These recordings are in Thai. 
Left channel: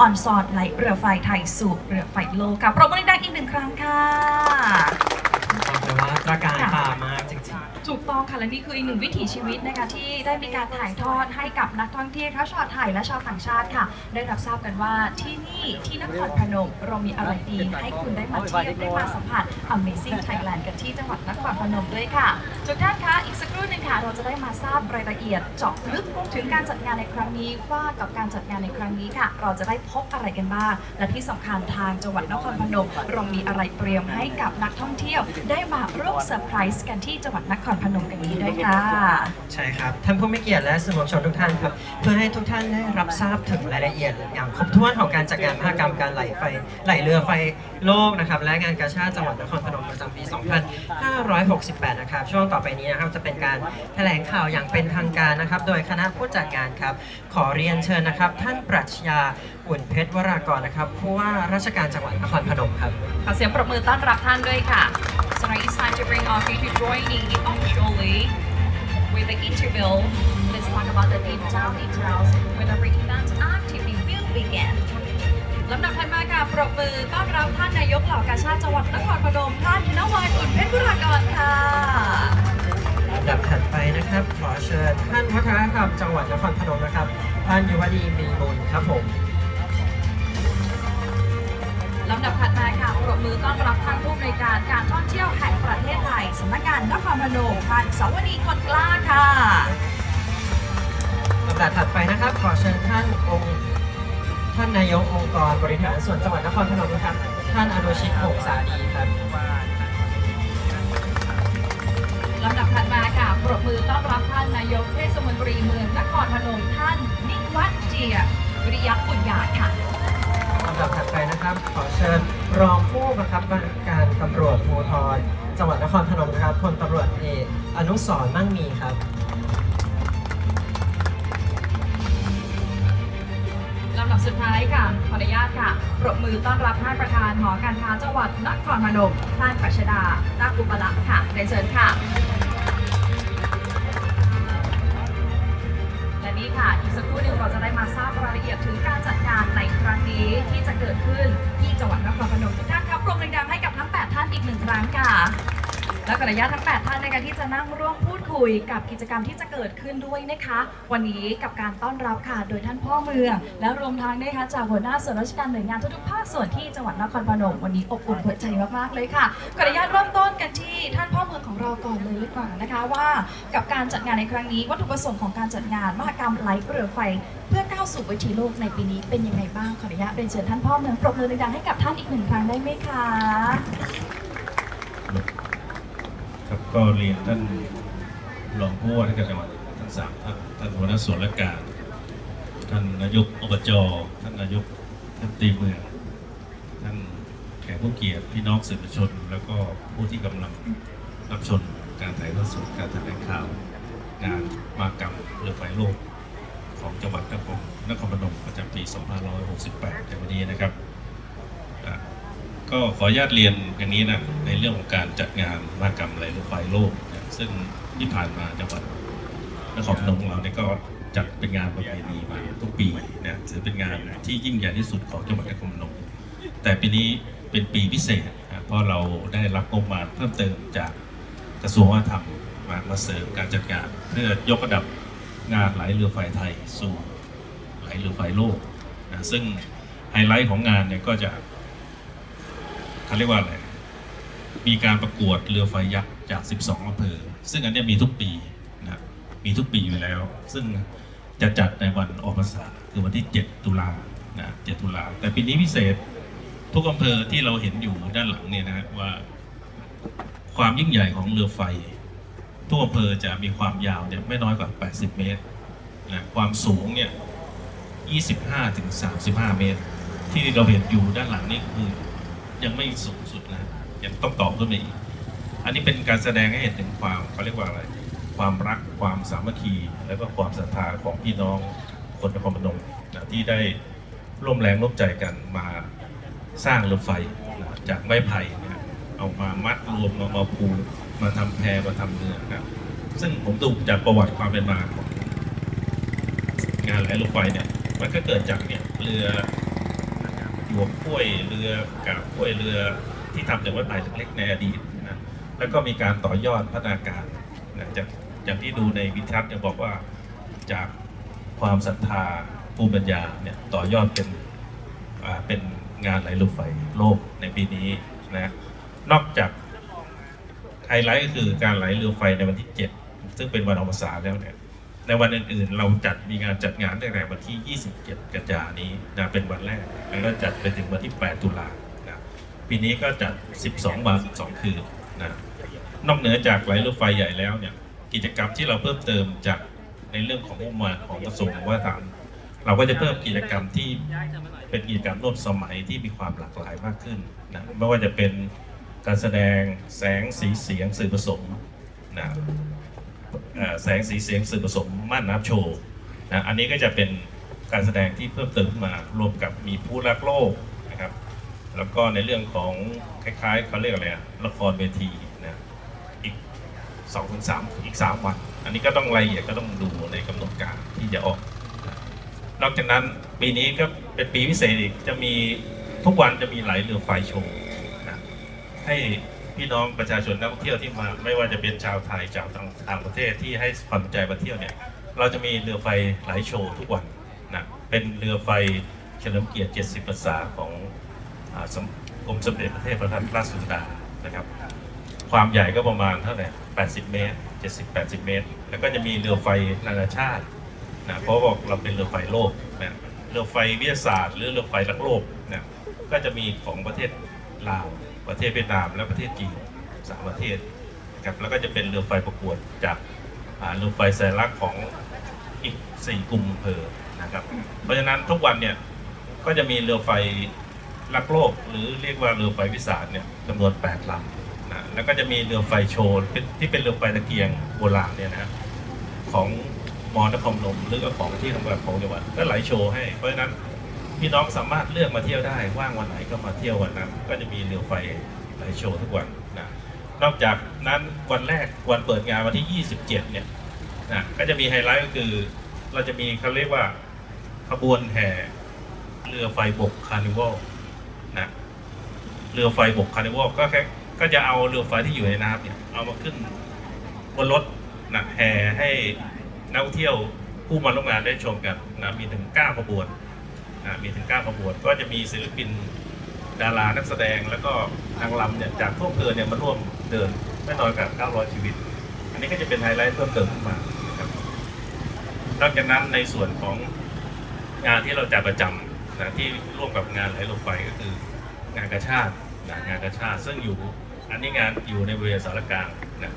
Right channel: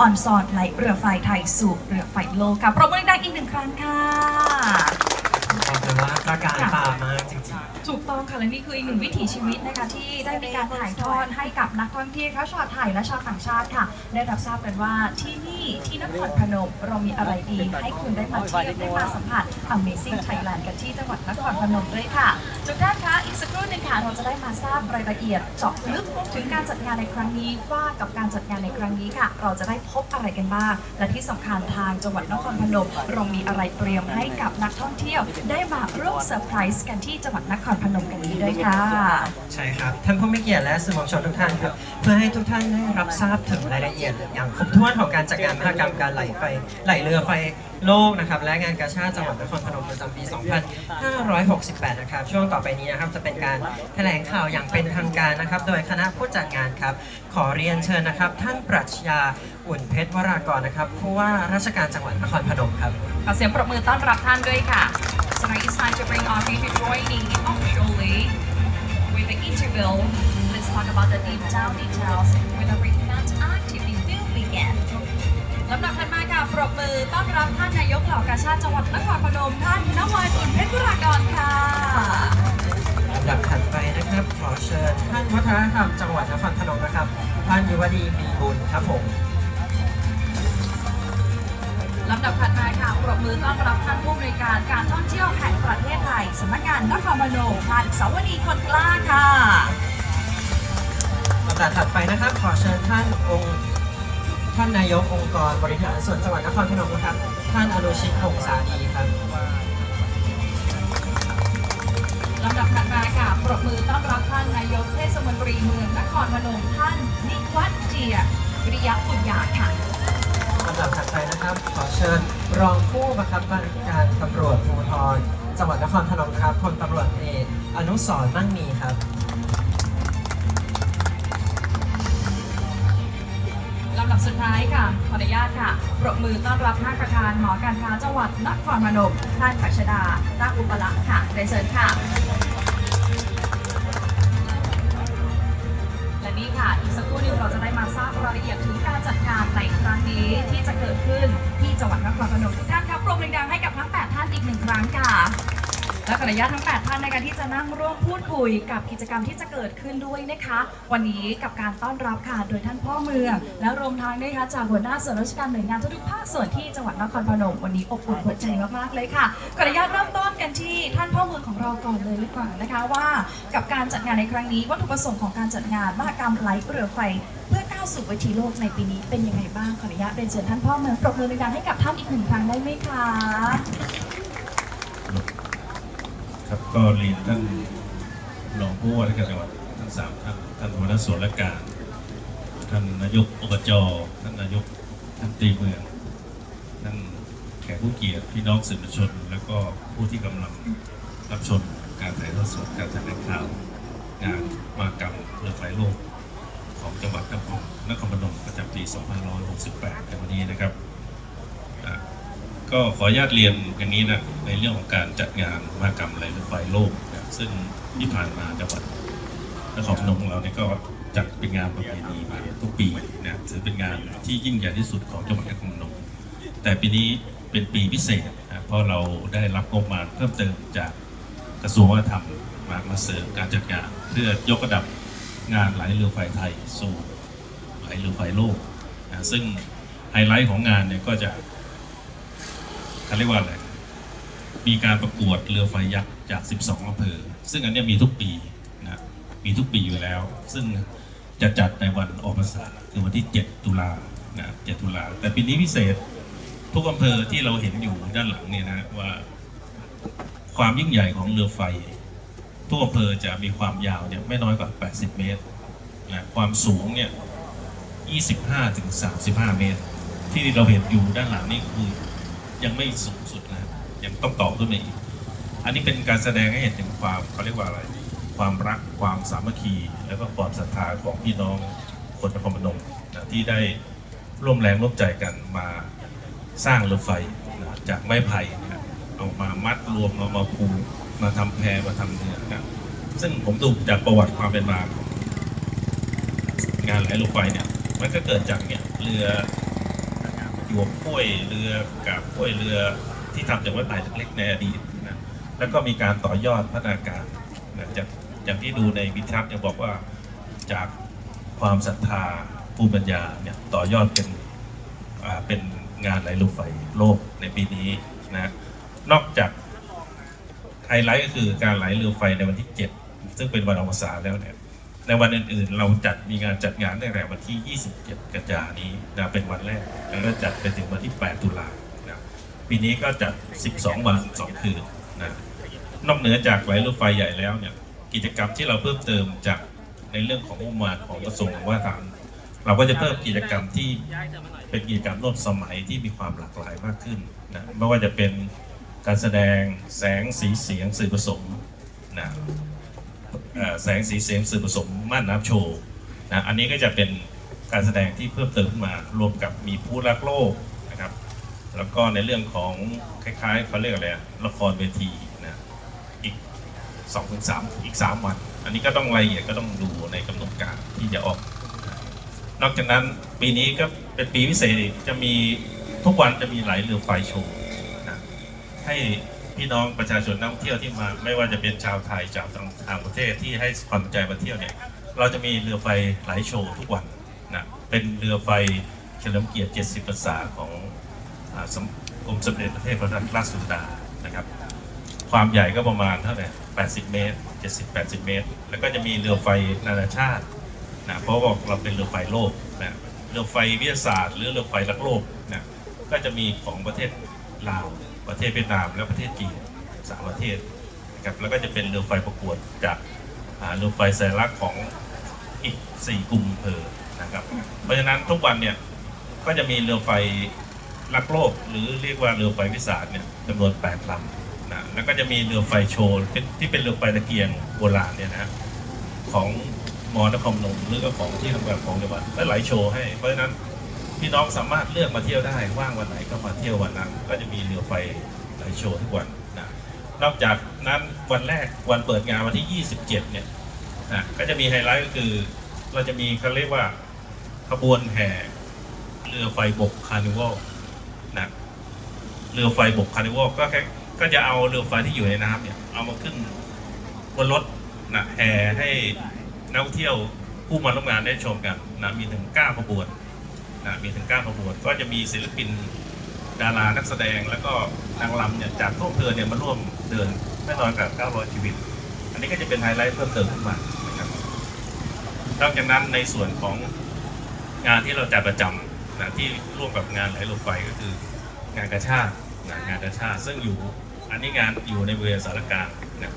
ออนซอนไหลเรือไฟไทยสู่เรือไฟโลกค่ะปรบมือดังอีกหนึ่งครั้งค่ะ ขอบคุณมากประการตามากจริงๆ ถูกต้องค่ะและนี่คืออีกหนึ่งวิถีชีวิตนะคะที่ได้มีการถ่ายทอดให้กับนักท่องเที่ยวทั้งชาวไทยและชาวต่างชาติค่ะ ได้รับทราบกันว่าที่นี่ที่นครพนมเรามีอะไรดี ให้คุณได้มาเที่ยวได้มาสัมผัส Amazing Thailand กันที่จังหวัดนครพนมด้วยค่ะทุกท่านคะอีกสักครู่นึงค่ะเราจะได้มาทราบรายละเอียดเจาะลึกถึงการจัดงานในครั้งนี้ว่ากับการจัดงานในครั้งนี้ค่ะ เราจะได้พบอะไรกันบ้าง และที่สำคัญทางจังหวัดนครพนมเรามีอะไรเตรียมให้กับนักท่องเที่ยว ได้มาร่วมเซอร์ไพรส์กันที่จังหวัดนครพนมกันนี้ด้วยค่ะๆใช่ครับท่านผู้มีเกียรติและสื่อมวลชนทุกท่านครับ เพื่อให้ทุกท่านได้รับทราบถึงรายละเอียด อย่างครบถ้วนของการจัดงานมหกรรมการไหลไฟไหลเรือไฟโลกนะครับและงานกาชาติจังหวัดนครพนมประจำปี 2568 นะครับ ช่วงต่อไปนี้นะครับจะเป็นการแถลงข่าวอย่างเป็นทางการนะครับ โดยคณะผู้จัดงานครับ ขอเรียนเชิญนะครับ ท่านปรัชญาอุ่นเพชรวรากรนะครับผู้ว่าราชการจังหวัดนครพนมครับขอเสียงปรบมือต้อนรับท่านด้วยค่ะ So now it's time to bring on me to joining officially with the interview. Let's talk about the detail details when the event activity will begin. ลำดับถัดมาค่ะปรบมือต้อนรับท่านนายกเหล่ากาชาติจังหวัดนครพนมท่านธนวัฒน์อุ่นเพชรบุรากรค่ะลำดับถัดไปนะครับ ขอเชิญท่านวัฒนธรรมจังหวัดนครพนมนะครับ ท่านยุวดีมีบุญครับผม ลำดับถัดมาค่ะปรบมือต้อนรับท่านผู้อำนวยการการท่องเที่ยวแห่งประเทศไทยสำนักงานนครพนมท่านสาวนีคนกล้าค่ะลำดับถัดไปนะครับ ขอเชิญท่านองค์ท่านนายกองค์กรบริหารส่วนจังหวัดนครพนมนะครับท่านอนุชิตหงสาดีครับลำดับถัดมาค่ะปรบมือต้อนรับท่านนายกเทศมนตรีเมืองนครพนมท่านนิวัฒน์เจียวิริยะปุญญาค่ะลำดับถัดไปนะครับ ขอเชิญรองผู้บังคับการตำรวจภูธรจังหวัดนครพนมนะครับพลตำรวจเอกอนุสรณ์มั่งมีครับลำดับสุดท้ายค่ะขออนุญาตค่ะปรบมือต้อนรับท่านประธานหอการค้าจังหวัดนครพนมท่านปัชดารักอุปลักษ์ค่ะเรียนเชิญค่ะและนี่ค่ะอีกสักครู่หนึ่งเราจะได้มาทราบรายละเอียดถึงการจัด นี้ที่จะเกิดขึ้นที่จังหวัดนครพนมทุกท่านครับปรบมือดังให้กับทั้ง 8 ท่านอีกหนึ่งครั้งค่ะ และขออนุญาตทั้ง 8 ท่านในการที่จะนั่งร่วมพูดคุยกับกิจกรรมที่จะเกิดขึ้นด้วยนะคะ วันนี้กับการต้อนรับค่ะ โดยท่านพ่อเมือง และรวมทั้งนะคะจากหัวหน้าส่วนราชการหน่วยงานทุกๆภาคส่วนที่จังหวัดนครพนมวันนี้อบอุ่นหัวใจมากๆเลยค่ะขออนุญาตเริ่มต้นกันที่ท่านพ่อเมืองของเราก่อนเลยดีกว่านะคะว่ากับการจัดงานในครั้งนี้ วัตถุประสงค์ของการจัดงานมหกรรมไลเรือไฟ เพื่อก้าวสู่เวทีโลกในปีนี้เป็นยังไงบ้างขออนุญาตเรียนเชิญท่านพ่อเมืองปรบมือดังให้กับท่านอีกหนึ่งครั้งได้ไหมคะ ก็เรียนท่านรองผู้ว่าราชการจังหวัดทั้งสามท่านท่านหัวหน้าส่วนราชการท่านนายกอบจท่านนายกท่านตีเมืองท่านแขกผู้เกียรติพี่น้องสื่อมวลชน แล้วก็ผู้ที่กำลังรับชมการถ่ายทอดสดการแถลงข่าวงานมากรรมเรือไฟโลกของจังหวัดนครนครพนมประจำปี 2568ในวันนี้นะครับ ก็ขออนุญาตเรียนอย่างนี้นะในเรื่องของการจัดงานมหกรรมไหลรถไฟโลกนะซึ่งที่ผ่านมาจังหวัดนครพนมของเราเนี่ยก็จัดเป็นงานประเพณีมาทุกปีนะถือเป็นงานที่ยิ่งใหญ่ที่สุดของจังหวัดนครพนม แต่ปีนี้เป็นปีพิเศษนะเพราะเราได้รับงบประมาณเพิ่มเติมจากกระทรวงวัฒนธรรมมามาเสริมการจัดงานเพื่อยกระดับงานไหลเรือไฟไทยสู่ไหลเรือไฟโลกนะซึ่งไฮไลท์ของงานเนี่ยก็จะ เขาเรียกว่าอะไร มีการประกวดเรือไฟยักษ์จาก 12อำเภอ ซึ่งอันนี้มีทุกปีนะครับมีทุกปีอยู่แล้ว ซึ่งจะจัดในวันออกพรรษาคือวันที่ 7 ตุลานะ7ตุลา แต่ปีนี้พิเศษทุกอำเภอที่เราเห็นอยู่ด้านหลังเนี่ยนะว่า ความยิ่งใหญ่ของเรือไฟ ทุกอำเภอจะมีความยาวเนี่ยไม่น้อยกว่า 80 เมตรนะความสูงเนี่ย25-35 เมตร ที่เราเห็นอยู่ด้านหลังนี่คือ ยังไม่สูงสุดนะยังต้องต่อขึ้นไปอีกอันนี้เป็นการแสดงให้เห็นถึงความเขาเรียกว่าอะไร ความรักความสามัคคี แล้วก็ความศรัทธาของพี่น้องคนนครพนมนะที่ได้ร่วมแรงร่วมใจกันมาสร้างเรือไฟนะจากไม้ไผ่นะเอามามัดรวมเอามาผูกมาทำแพมาทำเรือนะซึ่งผมดูจากประวัติความเป็นมาของงานไหลเรือไฟเนี่ยมันก็เกิดจากเนี่ยเรือ ยวกกล้วยเรือกาบกล้วยเรือที่ทำจากไม้ไผ่เล็กๆในอดีตนะแล้วก็มีการต่อยอดพัฒนาการนะจากอย่างที่ดูในวิทัศน์เนี่ยบอกว่าจากความศรัทธาภูมิปัญญาเนี่ยต่อยอดเป็นอ่าเป็นงานไหลลูกไฟโลกในปีนี้นะนอกจากไฮไลท์ก็คือการไหลเรือไฟในวันที่ 7 ซึ่งเป็นวันอวสานแล้วเนี่ย ในวันอื่นๆ เราจัดมีงานจัดงานตั้งแต่วันที่ 27 กันยานนี้นะเป็นวันแรก แล้วก็จัดไปถึงวันที่ 8 ตุลานะปีนี้ก็จัด 12 วัน 2 คืนนะนอกเหนือจากไหลรือไฟใหญ่แล้วเนี่ยกิจกรรมที่เราเพิ่มเติมจากในเรื่องของงบประมาณของกระทรวงว่าทางเราก็จะเพิ่มกิจกรรมที่เป็นกิจกรรมร่วมสมัยที่มีความหลากหลายมากขึ้นนะไม่ว่าจะเป็นการแสดงแสงสีเสียงสื่อผสมนะ แสงสีเสียงสื่อผสมม่านน้ำโชว์นะอันนี้ก็จะเป็นการแสดงที่เพิ่มเติมขึ้นมารวมกับมีผู้รักโลกนะครับ แล้วก็ในเรื่องของคล้ายๆเขาเรียกอะไรละครเวทีนะอีก2อถึงสอีก3วัน อันนี้ก็ต้องรายละเอียดก็ต้องดูในกำหนดการที่จะออก นอกจากนั้นปีนี้ก็เป็นปีพิเศษอีกจะมีทุกวันจะมีหลายเรือไฟโชว์นะให้ พี่น้องประชาชนนักท่องเที่ยวที่มา ไม่ว่าจะเป็นชาวไทยชาวต่างประเทศที่ให้ความสนใจมาเที่ยวเนี่ยเราจะมีเรือไฟหลายโชว์ทุกวันนะเป็นเรือไฟเฉลิมเกียรติ 70 พรรษาของอ่าสมกรมสมเด็จพระเทพรัตนราชสุดานะครับความใหญ่ก็ประมาณเท่าไหร่80 เมตร 70-80 เมตร แล้วก็จะมีเรือไฟนานาชาตินะเพราะว่าเราเป็นเรือไฟโลกนะเรือไฟวิทยาศาสตร์ หรือเรือไฟรักโลกนะก็จะมีของประเทศลาว ประเทศเวียดนามและประเทศจีนสามประเทศนะครับแล้วก็จะเป็นเรือไฟประกวดจากเรือไฟสัญลักษณ์ของอีกสี่กลุ่มอำเภอนะครับเพราะฉะนั้นทุกวันเนี่ยก็จะมีเรือไฟรักโลก หรือเรียกว่าเรือไฟวิสาสเนี่ยจำนวน8ลำนะแล้วก็จะมีเรือไฟโชว์ที่เป็นเรือไฟตะเกียงโบราณเนี่ยนะของมอนครนมหรือก็ของที่ทำการของจังหวัดก็ไหลโชว์ให้เพราะฉะนั้น พี่น้องสามารถเลือกมาเที่ยวได้ว่างวันไหนก็มาเที่ยววันนั้น ก็จะมีเรือไฟไหลโชว์ทุกวันนะนอกจากนั้นวันแรกวันเปิดงานวันที่ 27 เนี่ยนะก็จะมีไฮไลท์ก็คือ เราจะมีเขาเรียกว่าขบวนแห่เรือไฟบกคาร์นิวัลนะเรือไฟบกคาร์นิวัลก็แค่ก็จะเอาเรือไฟที่อยู่ในน้ำเนี่ยเอามาขึ้นบนรถนะแห่ให้นักท่องเที่ยวผู้มาร่วมงานได้ชมกันนะมีถึง9ขบวน มีถึง9ขบวน ก็จะมีศิลปินดารานักแสดงแล้วก็นางรำเนี่ยจากทั่วอำเภอเนี่ยมาร่วมเดินแน่นอนกับ900 ชีวิต อันนี้ก็จะเป็นไฮไลท์เพิ่มเติมขึ้นมานะครับนอกจากนั้นในส่วนของงานที่เราจัดประจำนะที่ร่วมกับงานไหลลงไฟก็คืองานกระชาตินะงานกระชาติซึ่งอยู่อันนี้งานอยู่ในบริเวณสารกลางนะ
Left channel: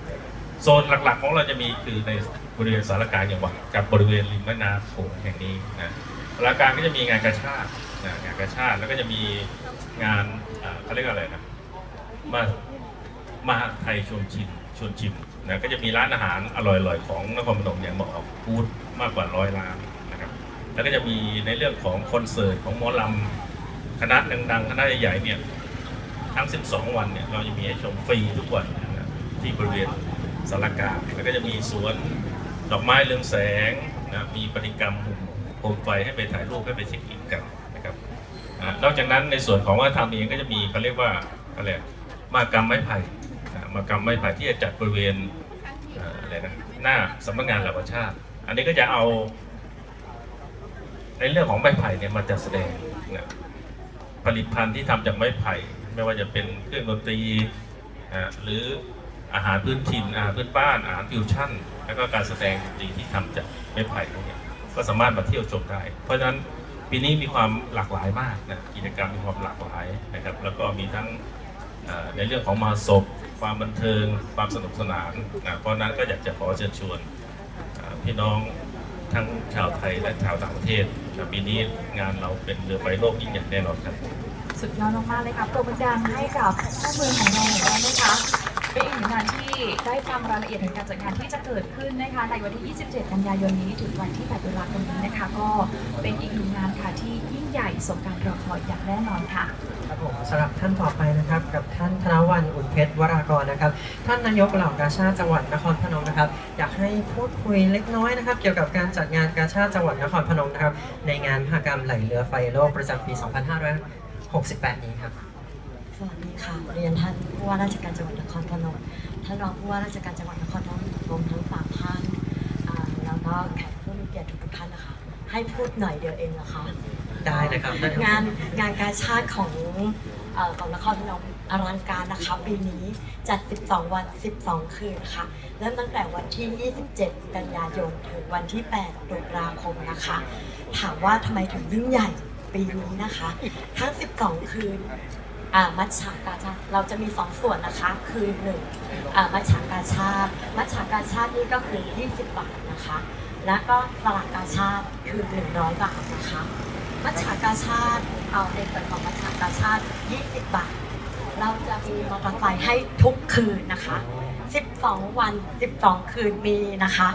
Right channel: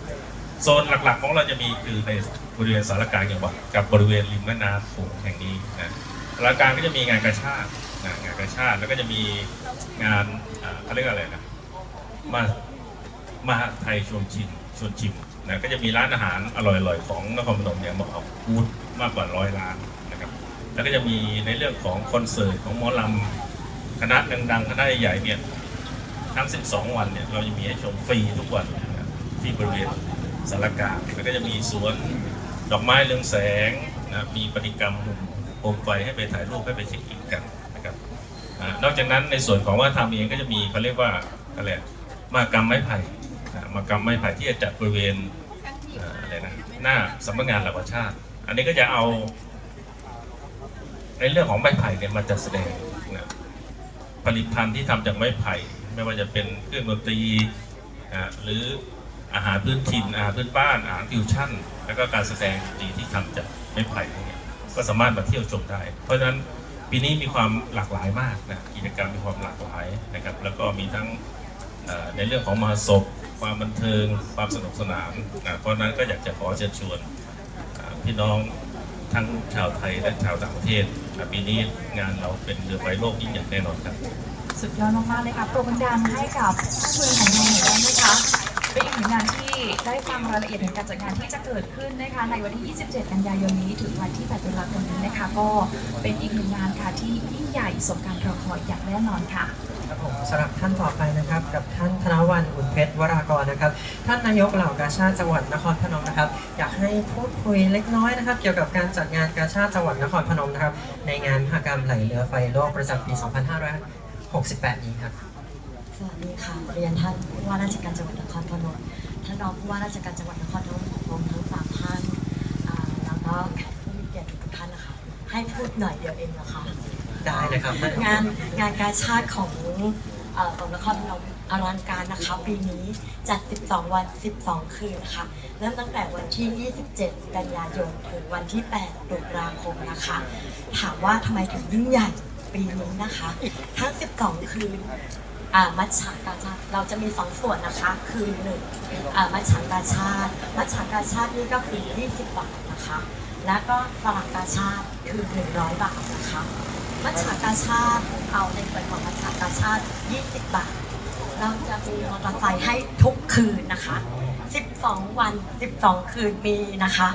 โซนหลักๆของเราจะมีคือในบริเวณสารกลางจังหวัดกับบริเวณริมแม่น้ำโขงแห่งนี้นะ รายการก็จะมีงานกระชาติงานกระชาติแล้วก็จะมีงานเขาเรียกว่าอะไรนะมามาไทยชวนชิมชวนชิมนะก็จะมีร้านอาหารอร่อยๆของนครพนมเนี่ยมาออกบูธมากกว่าร้อยร้านนะครับ แล้วก็จะมีในเรื่องของคอนเสิร์ตของหมอลำคณะดังๆคณะใหญ่ๆเนี่ยทั้ง 12 วันเนี่ยเราจะมีให้ชมฟรีทุกวันที่บริเวณสารกลางแล้วก็จะมีสวนดอกไม้เรืองแสงนะมีปฏิกรรมหุ่น โคมไฟให้ไปถ่ายรูปให้ไปเช็คอินกันนะครับอนอกจากนั้นในส่วนของวัฒนธรรมเองก็จะมีเขาเรียกว่าอะไรมากรรมไม้ไผ่มากรรมไม้ไผ่ที่จะจัดบริเวณอะไรนะหน้าสำนักงานหล่ากาชาติ อันนี้ก็จะเอา ในเรื่องของไม้ไผ่เนี่ยมาจัดแสดงนะผลิตภัณฑ์ที่ทำจากไม้ไผ่ ไม่ว่าจะเป็นเครื่องดนตรีหรืออาหารพื้นถิ่นอาหารพื้นบ้านอาหารฟิวชั่น แล้วก็การแสดงดนตรีที่ทำจากไม้ไผ่พวกนี้ ก็สามารถมาเที่ยวชมได้ เพราะฉะนั้นปีนี้มีความหลากหลายมากนะกิจกรรมมีความหลากหลายนะครับ แล้วก็มีทั้งในเรื่องของมาศพความบันเทิงความสนุกสนานนะเพราะนั้นก็อยากจะขอเชิญชวนพี่น้องทั้งชาวไทยและชาวต่างประเทศนะปีนี้งานเราเป็นเรือไฟโลกยิ่งใหญ่แน่นอนครับ สุดยอดมากๆเลยค่ะปรบมือดังให้กับข้อมูลของเราหน่อยได้ไหมคะ เป็นอีกหนึ่งงานที่ได้ฟังรายละเอียดถึงการจัดงานที่จะเกิดขึ้นนะคะในวันที่ 27 กันยายนนี้ถึงวันที่ 8 ตุลาคมนี้นะคะ ก็เป็นอีกหนึ่งงานค่ะที่ยิ่งใหญ่สมการรอคอยอย่างแน่นอนค่ะ ครับผมสำหรับท่านต่อไปนะครับ กับท่านธนวันอุ่นเพชรวรากรนะครับ ท่านนายกเหล่ากาชาติจังหวัดนครพนมนะครับ อยากให้พูดคุยเล็กน้อยนะครับ เกี่ยวกับการจัดงานกาชาติจังหวัดนครพนมนะครับ ในงานมหกรรมไหลเรือไฟโลกประจำปี 2568 นี้ครับ สวัสดีค่ะ เรียนท่านผู้ว่าราชการจังหวัดนครพนม ท่านรองผู้ว่าราชการจังหวัดนครพนมทั้งสามท่านแล้วก็แขกผู้มีเกียรติทุกท่านนะคะ ให้พูดหน่อยเดียวเองนะคะ ได้นะครับ งานงานการชาติของอของนครพนมอลังการนะคะปีนี้จัด 12 วัน 12 คืนค่ะเริ่มตั้งแต่วันที่ 27 กันยายนถึงวันที่ 8 ตุลาคมนะคะ ถามว่าทำไมถึงยิ่งใหญ่ปีนี้นะคะ ทั้ง 12 คืน มัชฉากาชาติเราจะมีสองส่วนนะคะ คือหนึ่งมัชฉากาชาติมัชฉากาชาตินี่ก็คือ 20 บาทนะคะ แล้วก็สลากกาชาติคือ 100 บาทนะคะมัชฉากาชาติเอาเป็นส่วนของมัชฉากาชาติ 20 บาท เราจะมีมอเตอร์ไซค์ให้ทุกคืนนะคะ 12 วัน 12 คืนมีนะคะ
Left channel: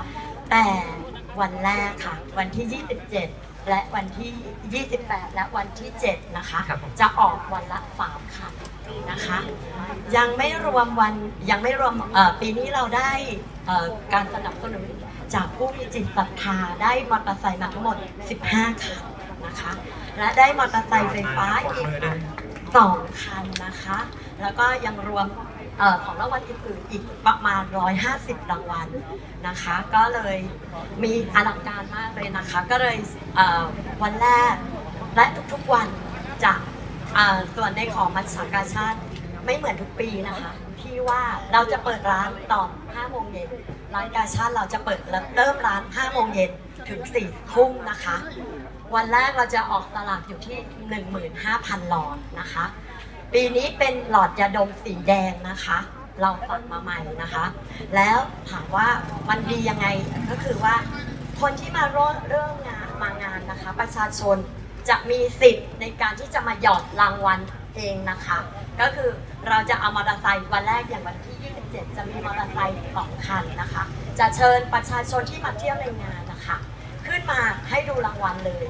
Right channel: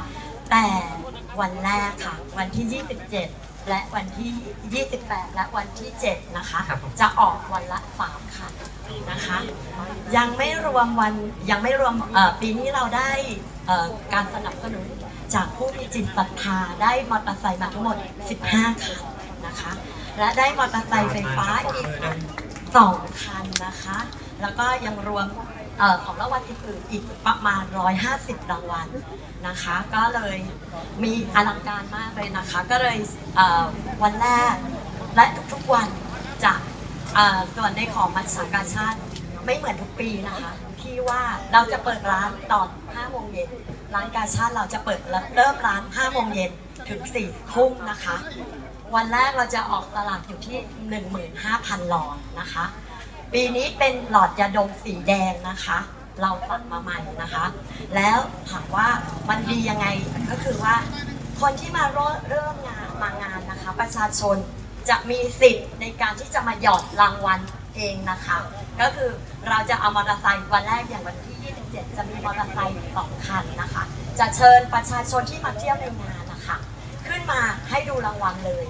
แต่วันแรกค่ะ วันที่ 27 และวันที่ 28 และวันที่ 7 นะคะ ครับผม จะออกวันละ3คันนะคะ ยังไม่รวมวันยังไม่รวมเอ่อปีนี้เราได้เอ่อการสนับสนุนจากผู้มีจิตศรัทธาได้มอเตอร์ไซค์มาทั้งหมด 15 คันนะคะ และได้มอเตอร์ไซค์ไฟฟ้าอีกสองคันนะคะ แล้วก็ยังรวมเออของรางวัลอื่นๆอีกประมาณ 150 รางวัลนะคะ ก็เลยมีอลังการมากเลยนะคะ ก็เลยเวันแรกและทุกๆวันจะส่วนในของมัชชากาชาติไม่เหมือนทุกปีนะคะ ที่ว่าเราจะเปิดร้านตอน5โมงเย็นร้านกาชาติเราจะเปิดเริ่มร้าน5โมงเย็นถึง4ทุ่มนะคะ วันแรกเราจะออกตลาดอยู่ที่ 15,000หลอดนะคะ ปีนี้เป็นหลอดยาดมสีแดงนะคะ เราตัดมาใหม่นะคะ แล้วถามว่ามันดียังไงก็คือว่า คนที่มาร่วมเริ่มงานมางานนะคะ ประชาชนจะมีสิทธิ์ในการที่จะมาหยอดรางวัลเองนะคะ ก็คือเราจะเอามอเตอร์ไซค์วันแรกอย่างวันที่ 27 จะมีมอเตอร์ไซค์สองคันนะคะ จะเชิญประชาชนที่มาเที่ยวในงานนะคะ ขึ้นมาให้ดูรางวัลเลย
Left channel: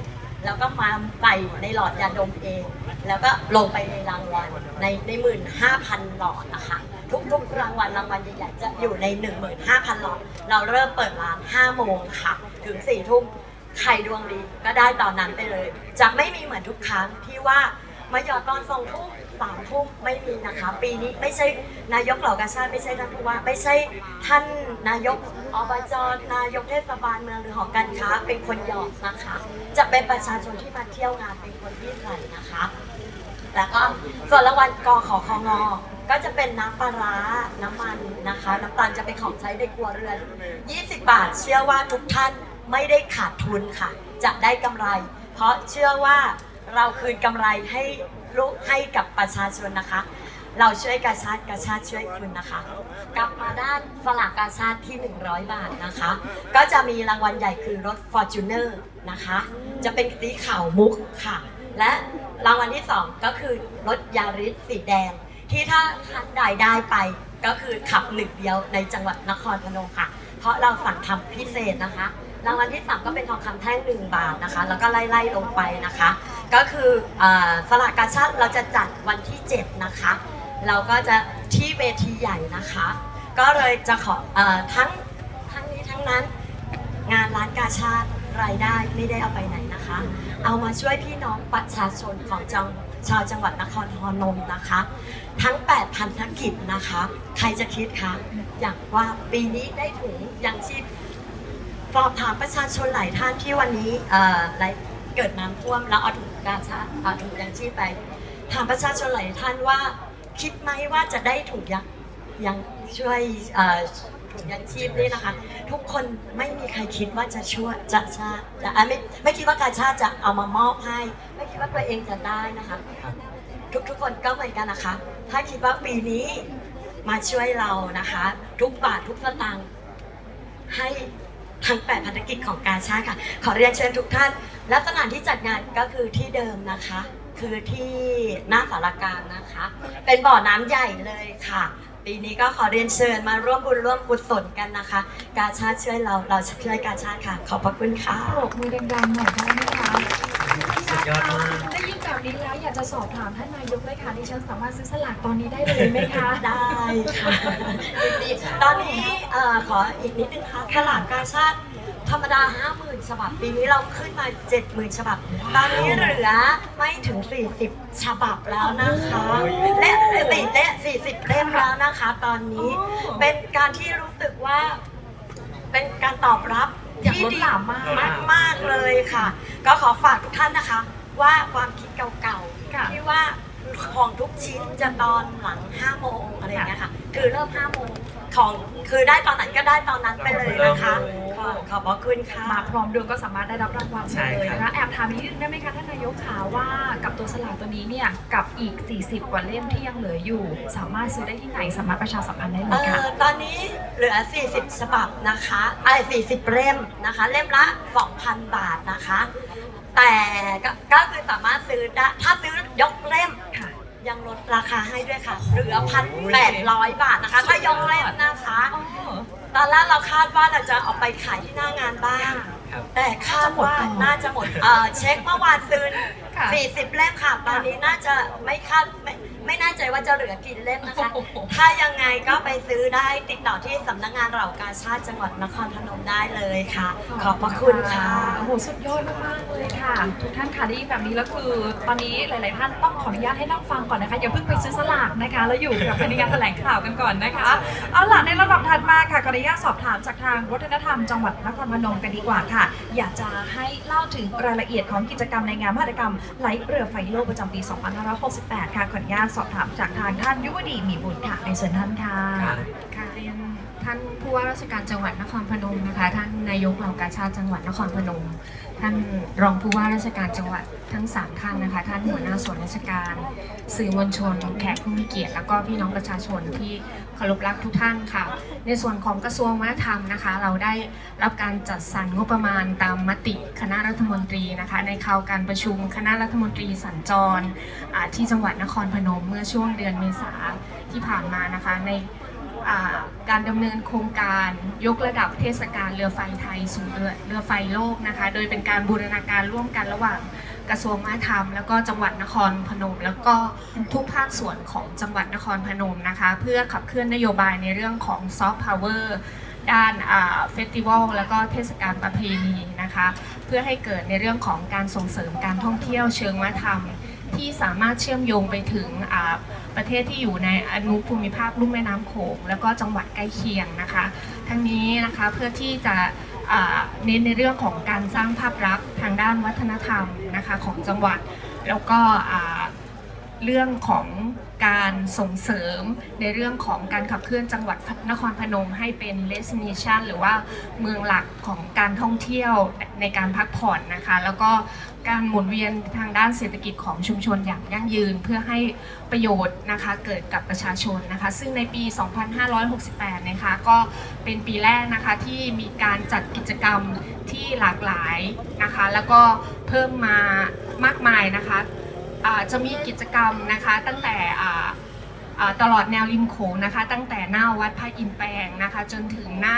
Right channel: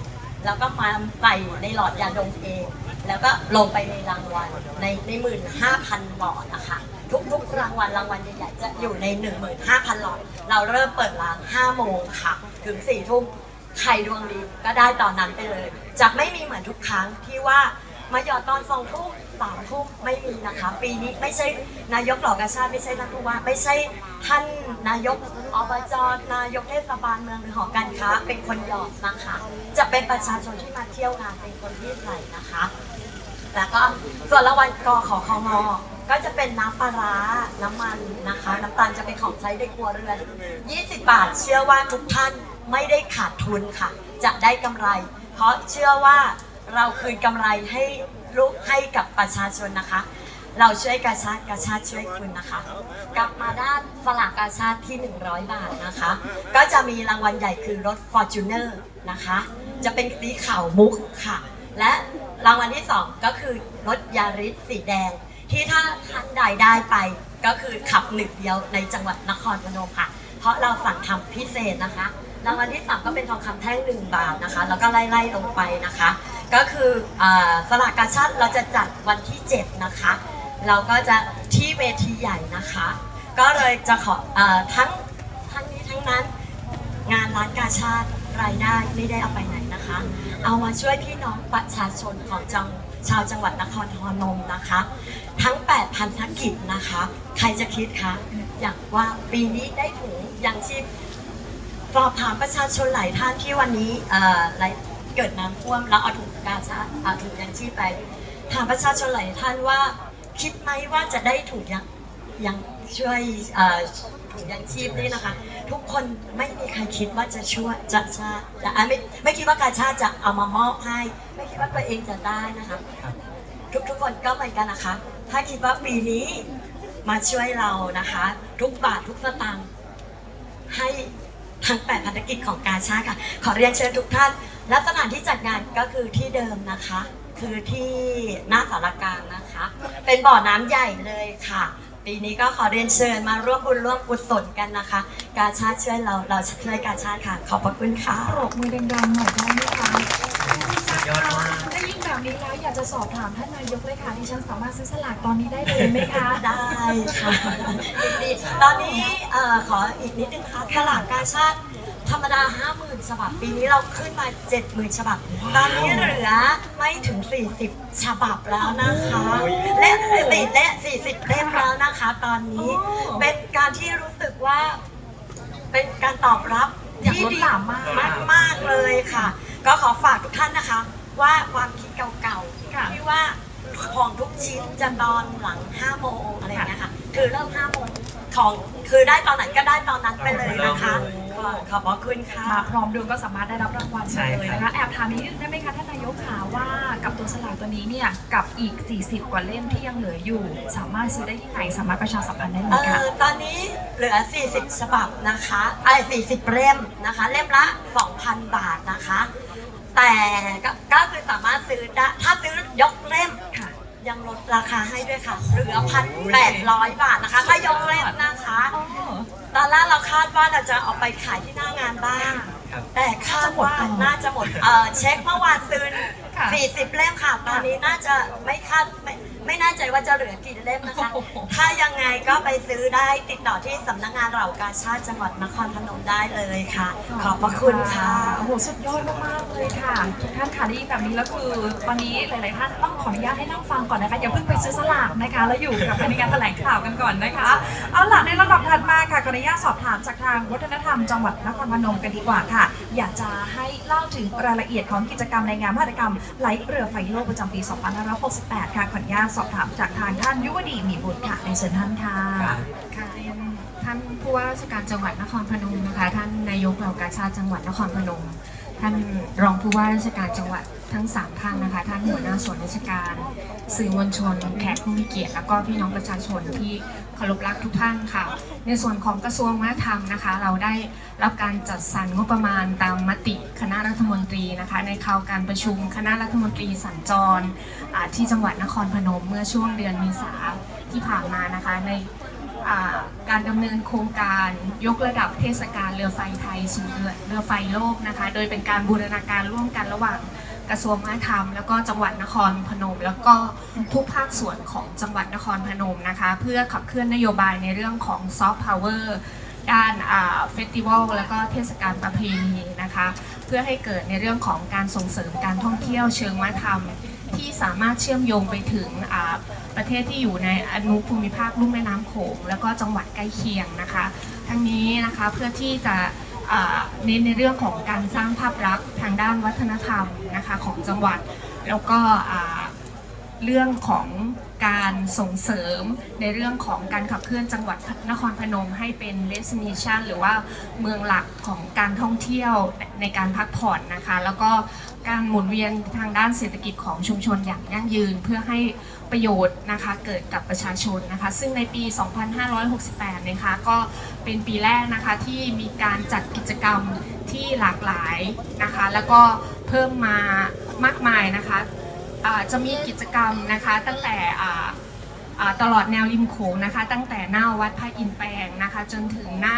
แล้วก็มาใส่ในหลอดยาดมเอง แล้วก็ลงไปในรางวัลในในหมื่นห้าพันหลอดนะคะ ทุกทุกรางวัลรางวัลใหญ่ๆจะอยู่ใน 15,000 หลอด เราเริ่มเปิดร้าน5โมงค่ะ ถึง4ทุ่มใครดวงดีก็ได้ตอนนั้นไปเลย จะไม่มีเหมือนทุกครั้งที่ว่า มาหยอดตอนสองทุ่มสามทุ่มไม่มีนะคะ ปีนี้ไม่ใช่นายกเหล่ากาชาติไม่ใช่ท่านผู้ว่าไม่ใช่ท่านนายกอบจนายกเทศบาลเมืองหรือหอการค้าเป็นคนหยอดนะคะ จะเป็นประชาชนที่มาเที่ยวงานเป็นคนที่ใส่นะคะแล้วก็ส่วนรางวัลกอขอคงอก็จะเป็นน้ำปลาร้าน้ำมันนะคะ น้ำตาลจะเป็นของใช้ในครัวเรือน 20 บาท เชื่อว่าทุกท่านไม่ได้ขาดทุนค่ะ จะได้กำไร เพราะเชื่อว่า เราคืนกำไรให้ลูกให้กับประชาชนนะคะ เราช่วยกาชาติกาชาติช่วยคืนนะคะ กลับมาด้านฝรั่งกาชาติที่ 100 บาทนะคะ ก็จะมีรางวัลใหญ่คือรถ Fortuner นะคะ จะเป็นสีขาวมุกค่ะ และรางวัลที่ 2 ก็คือรถยาริสสีแดง ที่ถ้าท่านใดได้ไปก็คือขับหนึ่งเดียวในจังหวัดนครพนมค่ะ เพราะเราสั่งทำพิเศษนะคะรางวัลที่3ก็เป็นทองคำแท่ง1บาทนะคะ แล้วก็ไล่ๆลงไปนะคะ ก็คืออสลากกาชาติเราจะจัดวันที่ 7 นะคะ เราก็จะที่เวทีใหญ่นะคะ ก็เลยจะขออทั้งทั้งนี้ทั้งนั้นงานร้านกาชาติรายได้ไม่ได้เอาไปไหนนะคะ เอามาช่วยพี่น้องประชาชนของจังชาวจังหวัดนครพนมนะคะ ทั้ง 8 พันธกิจนะคะ ใครจะคิดคะอยากว่าปีนี้ได้ถุงยังชีพสอบถามประชาชนหลายท่านที่วันนี้เอ่อหลาย เกิดน้ำท่วมแล้วเอาถุงกาชาเอาถุงยังชีพไป ถามประชาชนหลายท่านว่า คิดไหมว่าจะได้ถุงยังยังช่วยเอ่อถุงยังชีพนี่นะคะ ทุกคนไม่มีใครคิดว่าจะช่วยจะชาติแต่อะไม่ไม่คิดว่าการชาจะเอามามอบให้ ไม่คิดว่าตัวเองจะได้นะคะ ทุกทุกคนก็เหมือนกันนะคะ ถ้าคิดว่าปีนี้มาช่วยเรานะคะ ทุกบาททุกสตางค์ให้ ทั้งแปดภารกิจของการชาติค่ะ ขอเรียนเชิญทุกท่าน และสถานที่จัดงานก็คือที่เดิมนะคะ คือที่หน้าสารกลางนะคะ เป็นบ่อน้ำใหญ่เลยค่ะ ปีนี้ก็ขอเรียนเชิญมาร่วมบุญร่วมกุศลกันนะคะ การชาติช่วยเราเราช่วยการชาติค่ะ ขอบพระคุณค่ะ ปรบมือดังๆหน่อยได้ไหมคะสุดยอดมาก ได้ยินแบบนี้แล้วอยากจะสอบถามท่านนายกเลยค่ะที่ฉันสามารถซื้อสลากตอนนี้ได้เลยไหมคะ ได้ค่ะยินดีตอนนี้เอ่อขออีกนิดนึงค่ะสลากกาชาติธรรมดา 50,000 ฉบับ ปีนี้เราขึ้นมา 70,000 ฉบับ ตอนนี้เหลือไม่ถึง 40 ฉบับแล้วนะคะ และติดและ 40เล่มแล้วนะคะ ตอนนี้เป็นการที่รู้สึกว่า เป็นการตอบรับที่ดีมากมากมากๆเลยค่ะ ก็ขอฝากทุกท่านนะคะ ว่าความคิดเก่าค่ะๆที่ว่าของทุกชิ้นจะตอนหลัง5โมงอะไรอย่างเงี้ยค่ะ คือเริ่ม5โมงของคือได้ตอนไหนก็ได้ตอนนั้นไปเลยนะคะขอขอบพระคุณค่ะมาพร้อมดวงก็สามารถได้รับรางวัลใช่เลยครับนะคะแอบถามนิดนึงได้ไหมคะท่านนายกขาว่ากับตัวสลากตัวนี้เนี่ยกับอีก 40 กว่าเล่มที่ยังเหลืออยู่ สามารถซื้อได้ที่ไหนสามารถประชาสัมพันธ์ได้เลเอ่ยค่ะอตอนนี้เหลือ 40ฉบับนะคะไอ้40 เล่มนะคะ เล่มละ 2,000 บาทนะคะ แต่ก็ก็คือสามารถซื้อได้ถ้าซื้อยกเล่มค่ะ ยังลดราคาให้ด้วยค่ะ เหลือ1,800บาทนะคะ ถ้ายกเล่มนะคะ ตอนแรกเราคาดว่าเราจะเอาไปขายที่หน้างานบ้างครับแต่คาดว่าน่าจะหมดเอ่อเช็คเมื่อวานซื้อ ค่ะ40เล่มค่ะ ตอนนี้น่าจะไม่คาดไม่ไม่แน่ใจว่าจะเหลือกี่เล่มนะคะ โอ้โห ถ้ายังไงก็ไปซื้อได้ติดต่อที่สำนักงานเหล่ากาชาติจังหวัดนครพนมได้เลยค่ะ ขอบพระคุณค่ะ โอ้โหสุดยอดมากๆเลยค่ะทุกท่านค่ะได้ยินแบบนี้แล้วคือตอนนี้หลายๆท่านต้องขออนุญาตให้นั่งฟังก่อนนะคะอย่าเพิ่งไปซื้อสลากนะคะ แล้วอยู่กับในการแถลงข่าวกันก่อนนะคะเอาล่ะในระดับถัดมาค่ะขออนุญาตสอบถามจากทางวัฒนธรรมจังหวัดนครพนมกันดีกว่าค่ะ อยากจะให้เล่าถึงรายละเอียดของกิจกรรมในงานมหกรรมไหลเรือไฟโลกประจำปี 2568 ค่ะขออนุญาตสอบถามจากทางท่านยุวดีมีบุตรค่ะในเชิญท่านค่ะค่ะเรียนท่านผู้ว่าราชการจังหวัดนครพนมนะคะ ท่านนายกเหล่ากาชาติจังหวัดนครพนม ท่านรองผู้ว่าราชการจังหวัดทั้งสามท่านนะคะ ท่านหัวหน้าส่วนราชการ สื่อมวลชน แขกผู้มีเกียรติ แล้วก็พี่น้องประชาชนที่เคารพรักทุกท่านค่ะ ในส่วนของกระทรวงวัฒนธรรมนะคะ เราได้รับการจัดสรรงบประมาณตามมติคณะรัฐมนตรีนะคะ ในข่าวการประชุมคณะรัฐมนตรีสัญจรที่จังหวัดนครพนมเมื่อช่วงเดือนเมษาที่ผ่านมานะคะใน การดำเนินโครงการยกระดับเทศกาลเรือไฟไทยสู่เรือเรือไฟโลกนะคะ โดยเป็นการบูรณาการร่วมกันระหว่างกระทรวงวัฒนธรรม แล้วก็จังหวัดนครพนม แล้วก็ทุกภาคส่วนของจังหวัดนครพนมนะคะ เพื่อขับเคลื่อนนโยบายในเรื่องของซอฟต์พาวเวอร์ด้านเฟสติวัลแล้วก็เทศกาลประเพณีนะคะ เพื่อให้เกิดในเรื่องของการส่งเสริมการท่องเที่ยวเชิงวัฒนธรรม ที่สามารถเชื่อมโยงไปถึงประเทศที่อยู่ในอนุภูมิภาคลุ่มแม่น้ำโขงแล้วก็จังหวัดใกล้เคียงนะคะ ทั้งนี้นะคะเพื่อที่จะเน้นในเรื่องของการสร้างภาพลักษณ์ทางด้านวัฒนธรรมนะคะของจังหวัดแล้วก็ เรื่องของการส่งเสริมในเรื่องของการขับเคลื่อนจังหวัดนครพนมให้เป็น destination หรือว่าเมืองหลักของการท่องเที่ยวในการพักผ่อนนะคะ แล้วก็การหมุนเวียนทางด้านเศรษฐกิจของชุมชนอย่างยั่งยืนเพื่อให้ประโยชน์นะคะเกิดกับประชาชนนะคะ ซึ่งในปี 2568 นะคะก็เป็นปีแรกนะคะที่มีการจัดกิจกรรมที่หลากหลายนะคะ แล้วก็เพิ่มมามากมายนะคะ จะมีกิจกรรมนะคะตั้งแต่ตลอดแนวริมโขงนะคะ ตั้งแต่หน้าวัดพระอินทร์แปลงนะคะ จนถึงหน้า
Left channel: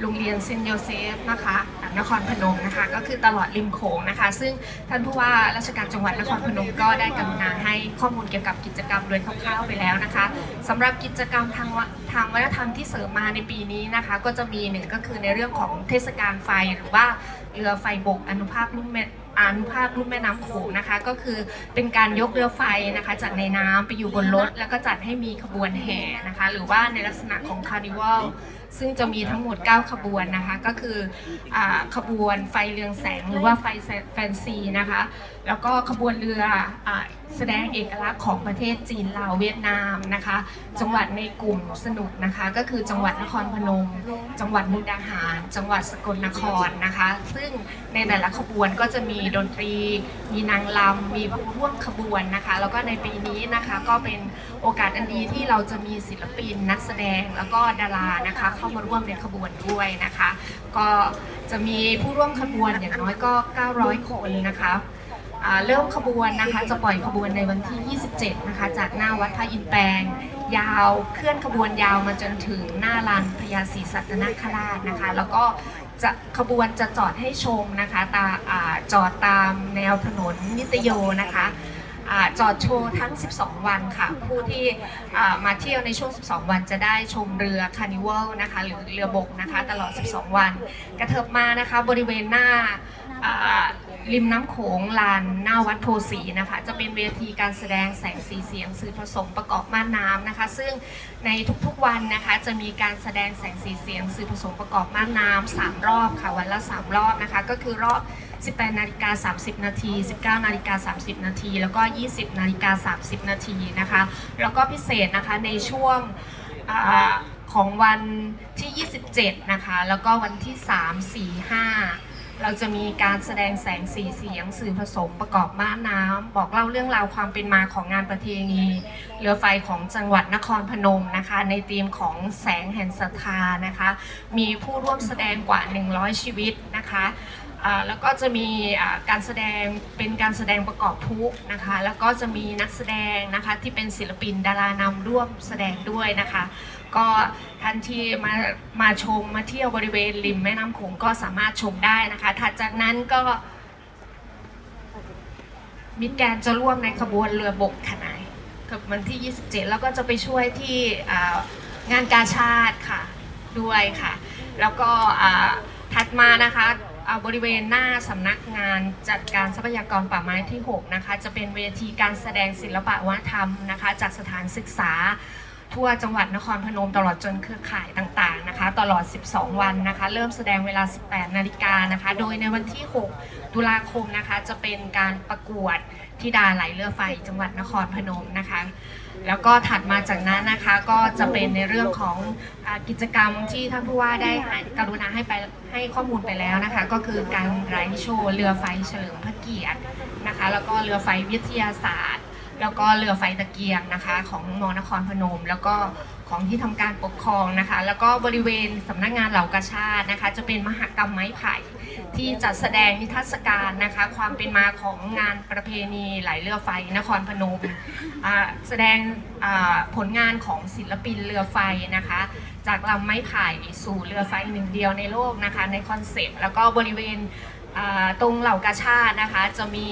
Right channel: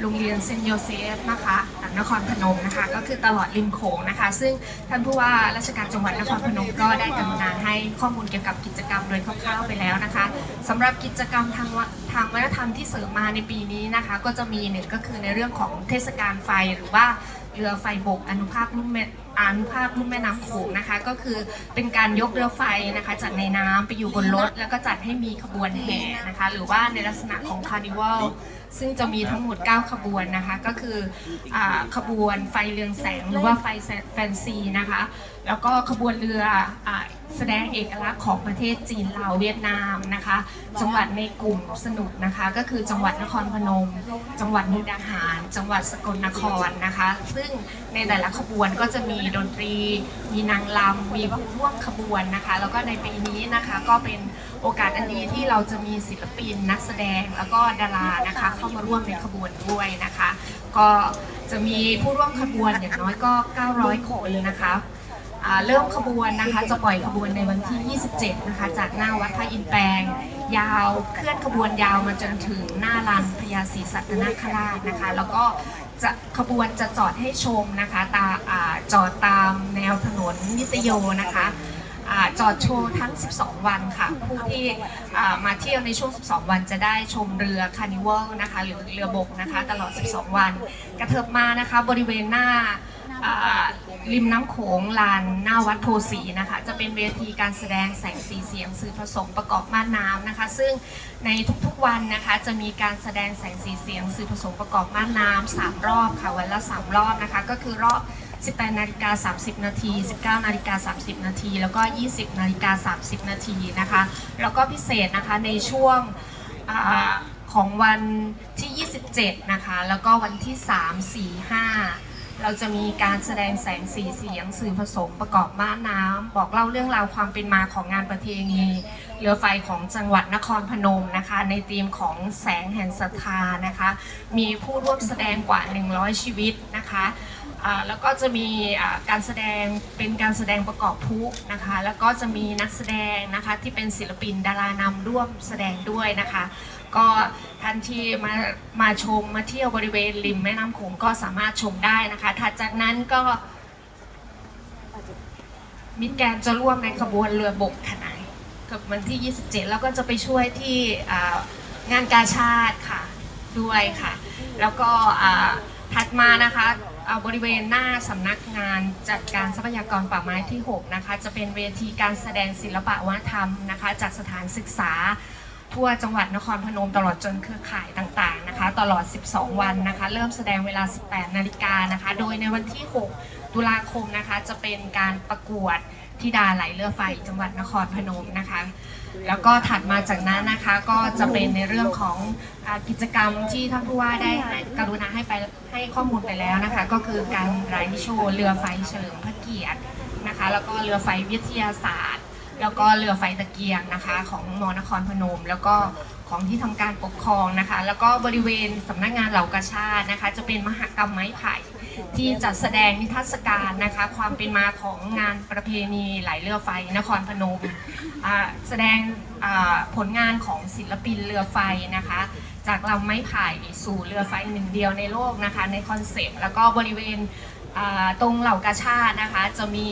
โรงเรียนเซนโยเซฟนะคะ นครพนมนะคะก็คือตลอดริมโขงนะคะ ซึ่งท่านผู้ว่าราชการจังหวัดนครพนมก็ได้กรุณาให้ข้อมูลเกี่ยวกับกิจกรรมโดยคร่าวๆไปแล้วนะคะสำหรับกิจกรรมทางทางวัฒนธรรมที่เสริมมาในปีนี้นะคะ ก็จะมีหนึ่งก็คือในเรื่องของเทศกาลไฟหรือว่าเรือไฟบกอนุภาคลุ่มแม่อนุภาคลุ่มแม่น้ำโขงนะคะ ก็คือเป็นการยกเรือไฟนะคะ จากในน้ำไปอยู่บนรถ แล้วก็จัดให้มีขบวนแห่นะคะ หรือว่าในลักษณะของคาร์นิวัล ซึ่งจะมีทั้งหมด 9 ขบวนนะคะ ก็คืออขบวนไฟเรืองแสงหรือว่าไฟแฟนซีนะคะ แล้วก็ขบวนเรืออแสดงเอกลักษณ์ของประเทศจีนลาวเวียดนามนะคะ จังหวัดในกลุ่มสนุกนะคะ ก็คือจังหวัดนครพนม จังหวัดมุกดาหาร จังหวัดสกลนครนะคะ ซึ่งในแต่ละขบวนก็จะมีดนตรี มีนางรำมีผู้ร่วมขบวนนะคะ แล้วก็ในปีนี้นะคะก็เป็นโอกาสอันดีที่เราจะมีศิลปินนักแสดงแล้วก็ดารานะคะเข้ามาร่วมในขบวนด้วยนะคะ ก็จะมีผู้ร่วมขบวนอย่างน้อยก็ 900 คนนะคะ เริ่มขบวนนะคะจะปล่อยขบวนในวันที่ 27 นะคะ จากหน้าวัดพระอินแปลง ยาวเคลื่อนขบวนยาวมาจนถึงหน้าลานพญาศรีสัตนคราชนะคะ แล้วก็จะขบวนจะจอดให้ชมนะคะตาจอดตามแนวถนนนิตโยนะคะอจอดโชว์ทั้ง 12 วันค่ะ ผู้ที่มาเที่ยวในช่วง 12 วันจะได้ชมเรือคานิวัลนะคะหรือเรือบกนะคะ ตลอด 12 วัน กระเถิบมานะคะบริเวณหน้า ริมน้ำโขงลานหน้าวัดโพสีนะคะ จะเป็นเวทีการแสดงแสงสีเสียงสื่อผสมประกอบม่านน้ำนะคะ ซึ่งในทุกๆวันนะคะ จะมีการแสดงแสงสีเสียงสื่อผสมประกอบม่านน้ำสามรอบค่ะวันละ3รอบนะคะ ก็คือรอบ 18นาฬิกา30 นาที 19นาฬิกา30 นาที แล้วก็ 20นาฬิกา30 นาทีนะคะ แล้วก็พิเศษนะคะในช่วงของวันที่ 27 นะคะ แล้วก็วันที่ 3 4 5 เราจะมีการแสดงแสงสีเสียงสื่อผสมประกอบม้านน้ำบอกเล่าเรื่องราวความเป็นมาของงานประเพณีเรือไฟของจังหวัดนครพนมนะคะ ในธีมของแสงแห่งศรัทธานะคะ มีผู้ร่วมแสดงกว่า 100 ชีวิตนะคะ แล้วก็จะมีการแสดงเป็นการแสดงประกอบทุกนะคะ แล้วก็จะมีนักแสดงนะคะที่เป็นศิลปินดารานำร่วมแสดงด้วยนะคะ ก็ท่านที่มามาชมมาเที่ยวบริเวณริมแม่น้ำโขงก็สามารถชมได้นะคะถัดจากนั้นก็มิตรแกนจะร่วมในขบวนเรือบกขนายกับวันที่ 27 แล้วก็จะไปช่วยที่งานกาชาติค่ะด้วยค่ะ แล้วก็ถัดมานะคะ เอาบริเวณหน้าสำนักงานจัดการทรัพยากรป่าไม้ที่ 6 นะคะ จะเป็นเวทีการแสดงศิลปะวัฒนธรรมนะคะ จากสถานศึกษา ทั่วจังหวัดนครพนมตลอดจนเครือข่ายต่างๆนะคะ ตลอด 12 วันนะคะ เริ่มแสดงเวลา 18 นาฬิกานะคะ โดยในวันที่ 6 ตุลาคมนะคะ จะเป็นการประกวดธิดาไหลเรือไฟจังหวัดนครพนมนะคะ แล้วก็ถัดมาจากนั้นนะคะก็จะเป็นในเรื่องของอกิจกรรมที่ท่านผู้ว่าได้ให้กรุณาให้ไปให้ข้อมูลไปแล้วนะคะ ก็คือการไร้โชว์เรือไฟเฉลิมพระเกียรตินะคะ แล้วก็เรือไฟวิทยาศาสตร์ แล้วก็เรือไฟตะเกียงนะคะ ของมอนครพนม แล้วก็ของที่ทำการปกครองนะคะ แล้วก็บริเวณสำนักงานเหล่ากาชาตินะคะ จะเป็นมหกรรมไม้ไผ่ ที่จัดแสดงนิทรรศการนะคะ ความเป็นมาของงานประเพณีไหลเรือไฟนครพนมแสดงผลงานของศิลปินเรือไฟนะคะ จากลำไม้ไผ่สู่เรือไฟหนึ่งเดียวในโลกนะคะ ในคอนเซปต์แล้วก็บริเวณตรงเหล่ากาชาตินะคะจะมี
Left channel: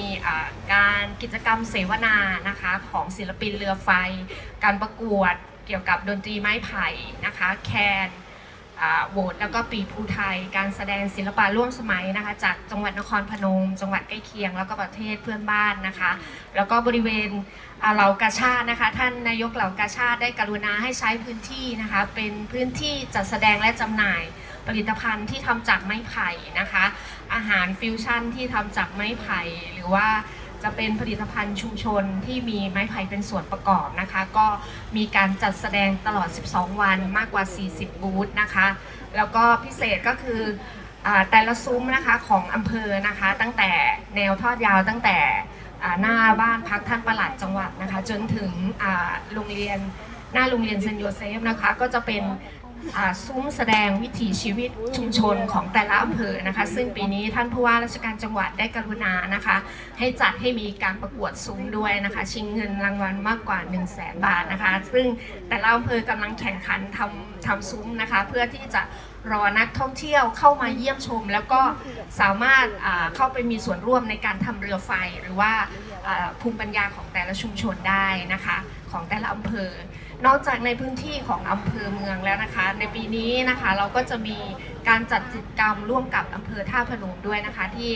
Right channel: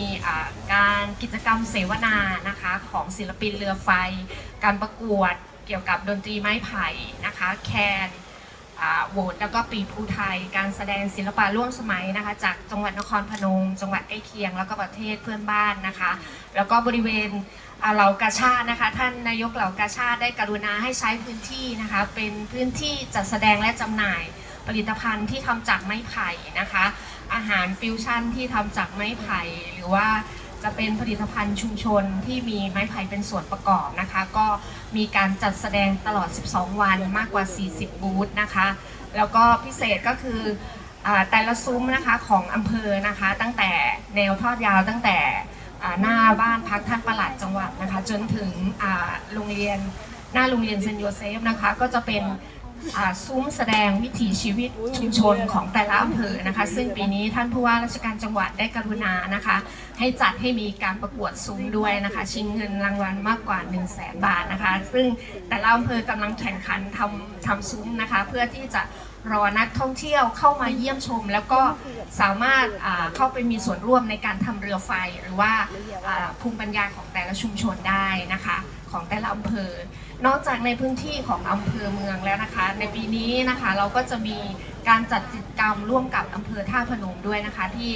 การกิจกรรมเสวนานะคะของศิลปินเรือไฟ การประกวดเกี่ยวกับดนตรีไม้ไผ่นะคะ แคน โหวตแล้วก็ปีภูไทย การแสดงศิลปะร่วมสมัยนะคะ จากจังหวัดนครพนม จังหวัดใกล้เคียง แล้วก็ประเทศเพื่อนบ้านนะคะ แล้วก็บริเวณเหล่ากาชาตินะคะ ท่านนายกเหล่ากาชาติได้กรุณาให้ใช้พื้นที่นะคะ เป็นพื้นที่จัดแสดงและจำหน่ายผลิตภัณฑ์ที่ทำจากไม้ไผ่นะคะ อาหารฟิวชั่นที่ทำจากไม้ไผ่หรือว่า จะเป็นผลิตภัณฑ์ชุมชนที่มีไม้ไผ่เป็นส่วนประกอบนะคะ ก็มีการจัดแสดงตลอด 12 วันมากกว่า 40 บูธนะคะ แล้วก็พิเศษก็คือแต่ละซุ้มนะคะของอำเภอนะคะ ตั้งแต่แนวทอดยาวตั้งแต่หน้าบ้านพักท่านประหลัดจังหวัดนะคะ จนถึงโรงเรียนหน้าโรงเรียนเซนโยเซฟนะคะ ก็จะเป็น ซุ้มแสดงวิถีชีวิตชุมชนของแต่ละอำเภอนะคะ ซึ่งปีนี้ท่านผู้ว่าราชการจังหวัดได้กรุณานะคะ ให้จัดให้มีการประกวดซุ้มด้วยนะคะ ชิงเงินรางวัลมากกว่า 1 0 0 0 0แสนบาทนะคะ ซึ่งแต่ละอำเภอกำลังแข่งขันทำทำซุ้มนะคะ เพื่อที่จะรอนักท่องเที่ยวเข้ามาเยี่ยมชม แล้วก็สามารถเข้าไปมีส่วนร่วมในการทำเรือไฟ หรือว่าภูมิปัญญาของแต่ละชุมชนได้นะคะ ของแต่ละอำเภอ นอกจากในพื้นที่ของอำเภอเมืองแล้วนะคะ ในปีนี้นะคะเราก็จะมีการจัดกิจกรรมร่วมกับอำเภอท่าพนมด้วยนะคะที่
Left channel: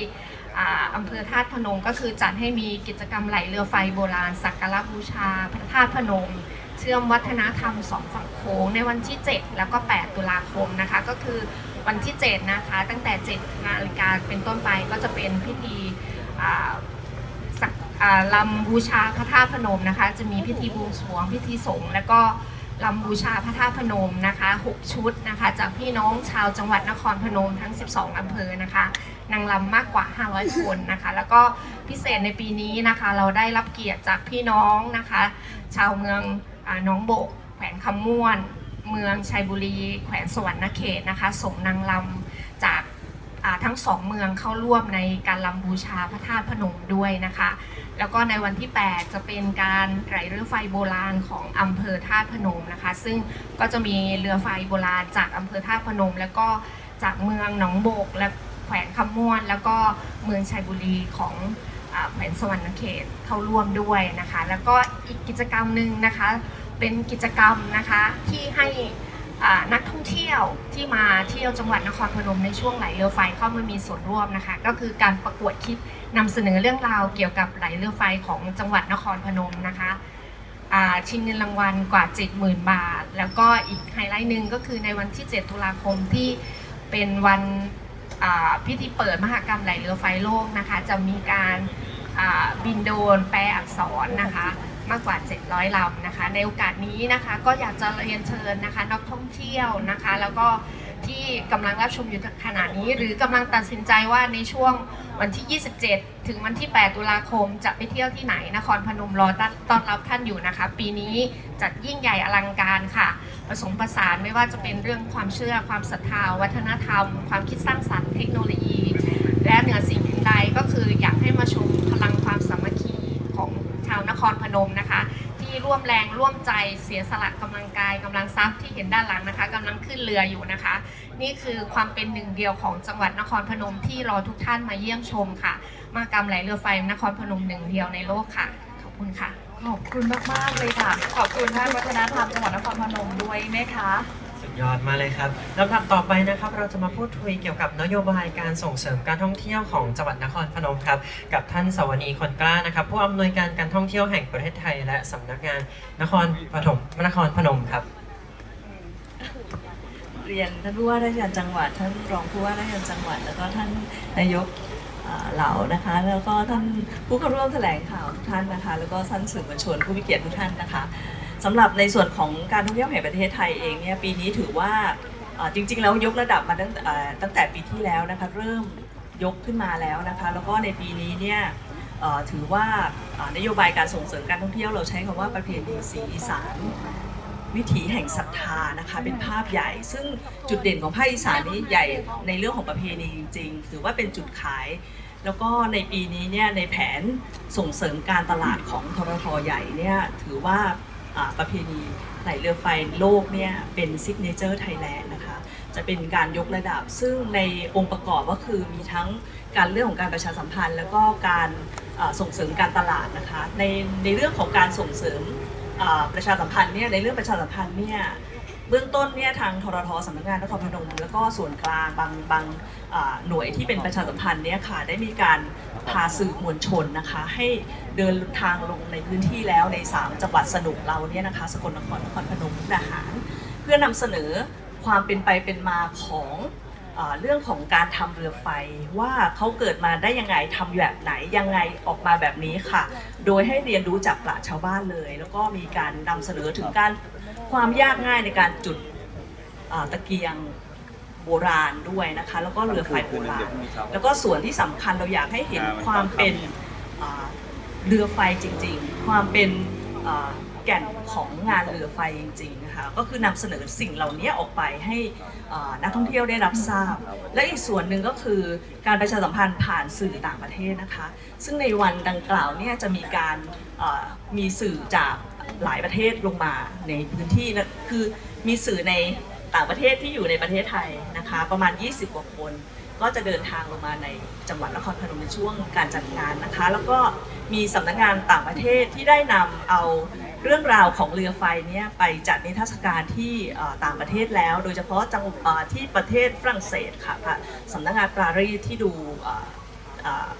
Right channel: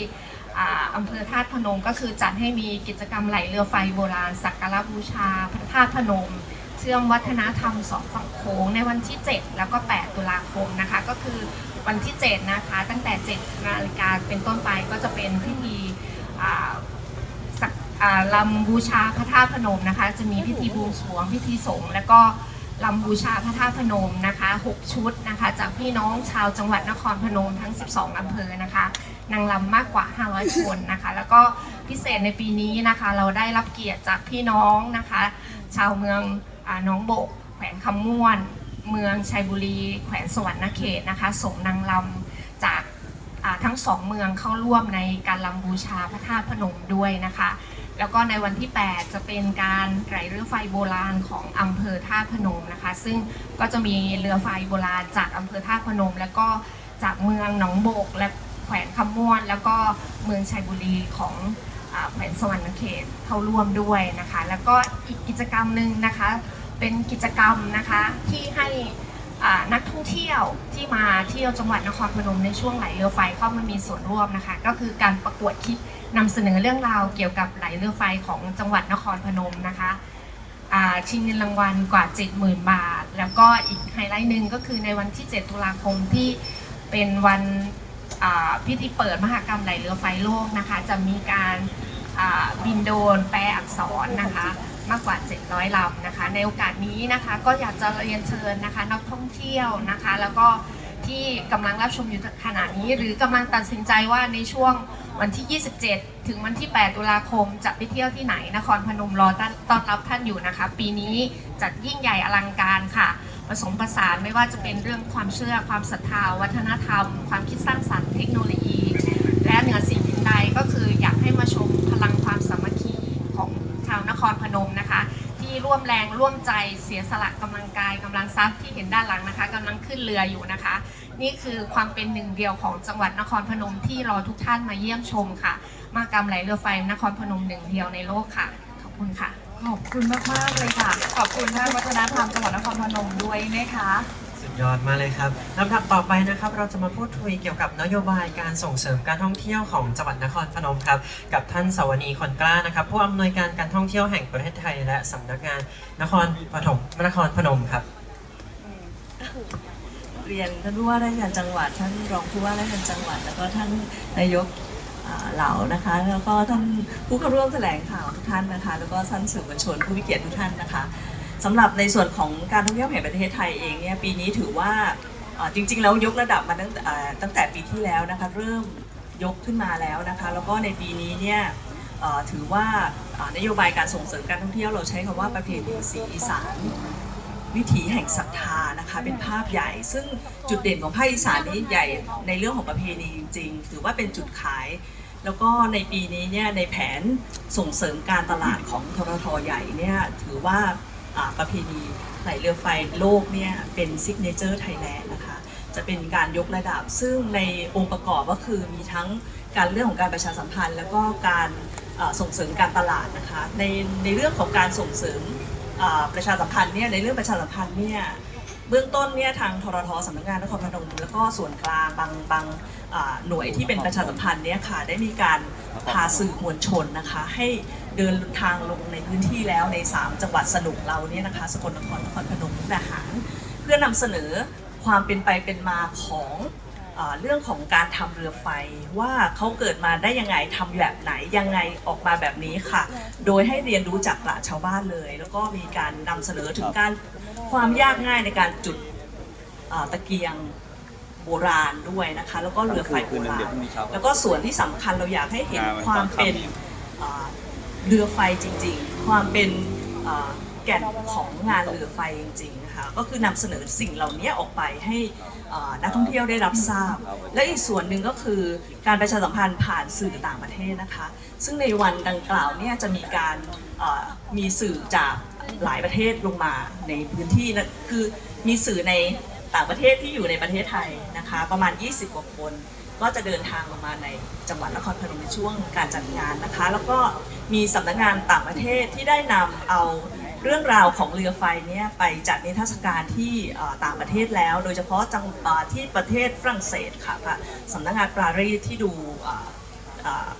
อำเภอท่าพนมก็คือจัดให้มีกิจกรรมไหลเรือไฟโบราณ สักการะบูชาพระธาตุพนม เชื่อมวัฒนธรรมสองฝั่งโขงในวันที่ 7 แล้วก็ 8 ตุลาคมนะคะ ก็คือวันที่ 7 นะคะ ตั้งแต่ 7 นาฬิกาเป็นต้นไปก็จะเป็นพิธี ลำบูชาพระธาตุพนมนะคะ จะมีพิธีบวงสรวงพิธีสงฆ์แล้วก็ลำบูชาพระธาตุพนมนะคะ 6 ชุดนะคะ จากพี่น้องชาวจังหวัดนครพนมทั้ง 12 อำเภอนะคะ นางลำมากกว่า 500 คนนะคะ แล้วก็พิเศษในปีนี้นะคะ เราได้รับเกียรติจากพี่น้องนะคะ ชาวเมืองอน้องโบก แขวงคำม่วน เมืองชัยบุรี แขวงสวรรณเขตนะคะ ส่งนางลำจากทั้งสองเมืองเข้าร่วมในการลำบูชาพระธาตุพนมด้วยนะคะ แล้วก็ในวันที่ 8 จะเป็นการไหลเรือไฟโบราณของอำเภอท่าพนมนะคะ ซึ่งก็จะมีเรือไฟโบราณจากอำเภอท่าพนม แล้วก็จากเมืองหนองโบก และแขวนคำม่วน แล้วก็เมืองชัยบุรีของอแขวงสวรรณเขตเข้าร่วมด้วยนะคะ แล้วก็อีกกิจกรรมหนึ่งนะคะ เป็นกิจกรรมนะคะที่ให้ นักท่องเที่ยวที่มาเที่ยวจังหวัดนครพนมในช่วงไหลเรือไฟเข้ามามีส่วนร่วมนะคะ ก็คือการประกวดคลิปนำเสนอเรื่องราวเกี่ยวกับไหลเรือไฟของจังหวัดนครพนมนะคะชิงเงินรางวัลกว่า 70,000 บาท แล้วก็อีกไฮไลท์หนึ่งก็คือในวันที่ 7 ตุลาคมที่เป็นวันพิธีเปิดมหกรรมไหลเรือไฟโลกนะคะ จะมีการบินโดนแปลอักษรนะคะ มากกว่า 700ลำนะคะ ในโอกาสนี้นะคะก็อยากจะเรียนเชิญนะคะนักท่องเที่ยวนะคะ แล้วก็ที่กำลังรับชมอยู่ขณะนี้ หรือกำลังตัดสินใจว่าในช่วงวันที่ 27 ถึงวันที่ 8 ตุลาคมจะไปเที่ยวที่ไหนนครพนมรอต้อนรับท่านอยู่นะคะ ปีนี้จัดยิ่งใหญ่อลังการค่ะผสมผสานไม่ว่าจะเป็นเรื่องความเชื่อความศรัทธาวัฒนธรรม ความคิดสร้างสรรค์เทคโนโลยี และเหนือสิ่งอื่นใดก็คืออยากให้มาชมพลังความสามัคคีของชาวนครพนมนะคะ ที่ ร่วมแรงร่วมใจเสียสละกำลังกายกำลังทรัพย์ที่เห็นด้านหลังนะคะ กำลังขึ้นเรืออยู่นะคะ นี่คือความเป็นหนึ่งเดียวของจังหวัดนครพนมที่รอทุกท่านมาเยี่ยมชมค่ะ มากรรมไหลเรือไฟนครพนมหนึ่งเดียวในโลกค่ะ ขอบคุณค่ะ ขอบคุณมากๆเลยค่ะ ขอบคุณท่านวัฒนธรรมจังหวัดนครพนมด้วยไหมคะ ยอดมากเลยครับลำดับต่อไปนะครับ เราจะมาพูดคุยเกี่ยวกับนโยบายการส่งเสริมการท่องเที่ยวของจังหวัดนครพนมครับ กับท่านสวนีคนกล้านะครับ ผู้อำนวยการการท่องเที่ยวแห่งประเทศไทย และสำนักงานนครปฐมนครพนมครับ เรียนท่านผู้ว่าราชการจังหวัด ท่านรองผู้ว่าราชการจังหวัด แล้วก็ท่านนายกเหล่านะคะ แล้วก็ท่านผู้เข้าร่วมแถลงข่าวทุกท่านนะคะ แล้วก็ท่านสื่อมวลชนผู้มีเกียรติทุกท่านนะคะ สำหรับในส่วนของการท่องเที่ยวแห่งประเทศไทยเองเนี่ยปีนี้ถือว่าจริงๆแล้วยกระดับมาตั้งตั้งแต่ปีที่แล้วนะคะเริ่มยกขึ้นมาแล้วนะคะแล้วก็ในปีนี้เนี่ยถือว่านโยบายการส่งเสริมการท่องเที่ยวเราใช้คำว่าประเพณีสีอีสานวิถีแห่งศรัทธานะคะเป็นภาพใหญ่ ซึ่งจุดเด่นของภาคอีสานนี้ใหญ่ในเรื่องของประเพณีจริงๆถือว่าเป็นจุดขาย แล้วก็ในปีนี้เนี่ยในแผนส่งเสริมการตลาดของทรทใหญ่เนี่ยถือว่า ประเพณีไหลเรือไฟโลกเนี่ยเป็นซิกเนเจอร์ไทยแลนด์นะคะจะเป็นการยกระดับ ซึ่งในองค์ประกอบก็คือมีทั้งการเรื่องของการประชาสัมพันธ์ แล้วก็การส่งเสริมการตลาดนะคะในในเรื่องของการส่งเสริมประชาสัมพันธ์เนี่ยในเรื่องประชาสัมพันธ์เนี่ยเบื้องต้นเนี่ยทางทรทสำนักงานนครพนมแล้วก็ส่วนกลางบางบางหน่วยที่เป็นประชาสัมพันธ์เนี่ยค่ะได้มีการ พาสื่อมวลชนนะคะให้เดินทางลงในพื้นที่แล้วใน 3 จังหวัดสนุกเราเนี่ยนะคะสกลนครนครพนมมุกดาหาร เพื่อนำเสนอความเป็นไปเป็นมาของเรื่องของการทำเรือไฟว่าเขาเกิดมาได้ยังไงทำแบบไหนยังไงออกมาแบบนี้ค่ะ โดยให้เรียนรู้จากปราชาวบ้านเลย แล้วก็มีการนำเสนอถึงการความยากง่ายในการจุดตะเกียง โบราณด้วยนะคะ แล้วก็เรือไฟโบราณแล้วก็ส่วนที่สำคัญเราอยากให้เห็นความเป็นอ่าเรือไฟจริง ๆ ความเป็นอ่าแก่นของงานเรือไฟจริงๆนะคะก็คือนำเสนอสิ่งเหล่านี้ออกไปให้อ่านักท่องเที่ยวได้รับทราบ และอีกส่วนหนึ่งก็คือการประชาสัมพันธ์ผ่านสื่อต่างประเทศนะคะ ซึ่งในวันดังกล่าวเนี่ยจะมีการเอ่อมีสื่อจากหลายประเทศลงมาในพื้นที่นะคือมีสื่อใน ต่างประเทศที่อยู่ในประเทศไทยนะคะ ประมาณ 20 กว่าคน ก็จะเดินทางลงมาในจังหวัดนครพนมในช่วงการจัดงานนะคะ แล้วก็มีสำนักงานต่างประเทศที่ได้นำเอาเรื่องราวของเรือไฟเนี่ยไปจัดนิทรรศการที่ต่างประเทศแล้ว โดยเฉพาะจังที่ประเทศฝรั่งเศสค่ะสำนักงานปารีสที่ดู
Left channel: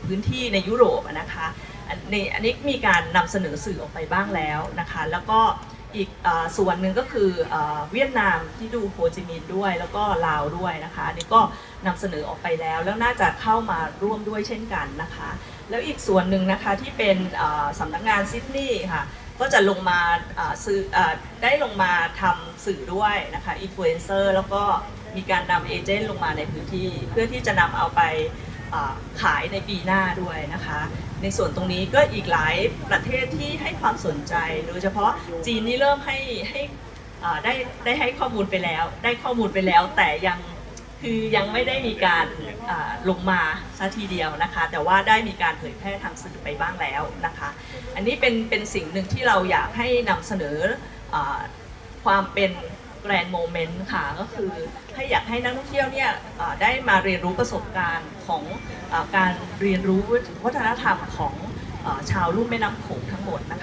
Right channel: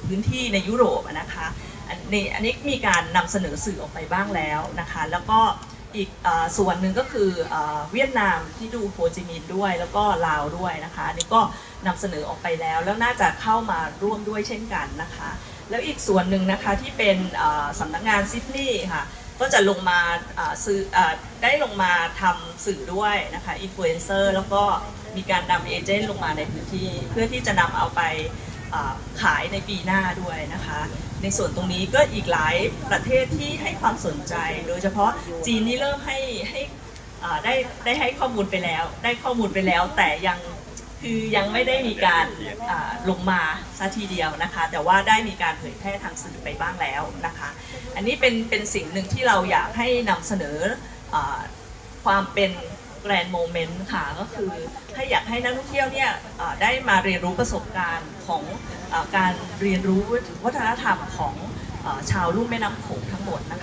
พื้นที่ในยุโรปนะคะอันนี้อันนี้มีการนำเสนอสื่อออกไปบ้างแล้วนะคะ แล้วก็ อีกอส่วนหนึ่งก็คืออเวียดนามที่ดูโฮจิมินห์ด้วยแล้วก็ลาวด้วยนะคะนนี้ก็นำเสนอออกไปแล้ว แล้วน่าจะเข้ามาร่วมด้วยเช่นกันนะคะ แล้วอีกส่วนหนึ่งนะคะที่เป็นอ่าสำนักงานซิดนีย์ค่ะก็จะลงมาอ่าซื้ออได้ลงมาทำสื่อด้วยนะคะอินฟลูเอนเซอร์แล้วก็มีการนำเอเจนต์ลงมาในพื้นที่ เพื่อที่จะนำเอาไป ขายในปีหน้าด้วยนะคะ ในส่วนตรงนี้ก็อีกหลายประเทศที่ให้ความสนใจ โดยเฉพาะจีนนี่เริ่มให้ให้ได้ได้ให้ข้อมูลไปแล้ว ได้ข้อมูลไปแล้วแต่ยังคือยังไม่ได้มีการลงมาซะทีเดียวนะคะ แต่ว่าได้มีการเผยแพร่ทางสื่อไปบ้างแล้วนะคะ อันนี้เป็นเป็นสิ่งหนึ่งที่เราอยากให้นำเสนออความเป็น แกรนด์โมเมนต์ค่ะก็คือให้อยากให้นักท่องเที่ยวเนี่ยได้มาเรียนรู้ประสบการณ์ของอการเรียนรู้วัฒนธรรมของอชาวลุ่มแม่น้ำโขงทั้งหมดนะคะ